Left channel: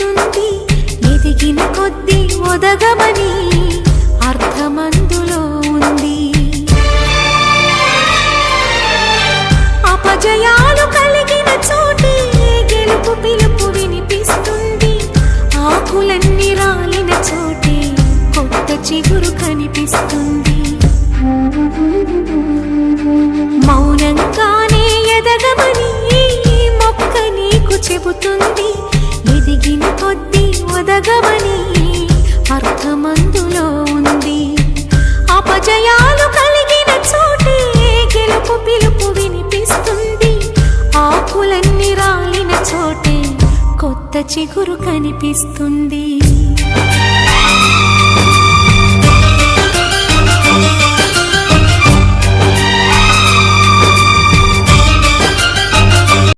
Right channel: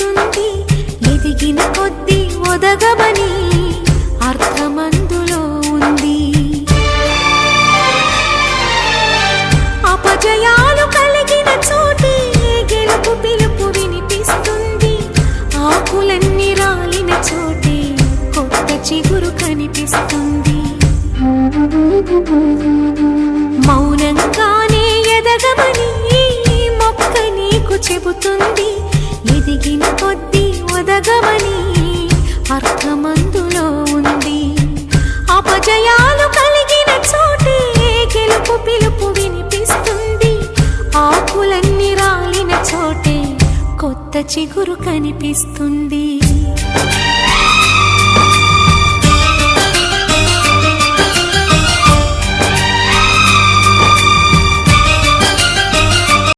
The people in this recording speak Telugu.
చెబుతుంది. ఎదిగిన కొద్దీ ఒదగమని అర్థమందులో ఉంది. అపజయాలు కలిగిన చోటే గెలుపు పిలుపు వినిపిస్తుంది. ఆకులన్నీ రాలిన చోటే కొత్త చిగురు కనిపిస్తుంది. మౌనంగానే ఎదగమని మొక్క నీకు చెబుతుంది. ఎదిగిన కొద్దీ ఒదగమని అర్థమందులో ఉంది. అపజయాలు కలిగిన చోటే గెలుపు పిలుపు వినిపిస్తుంది. ఆకులన్నీ రాలిన చోటే కొత్త చిగురు కనిపిస్తుంది.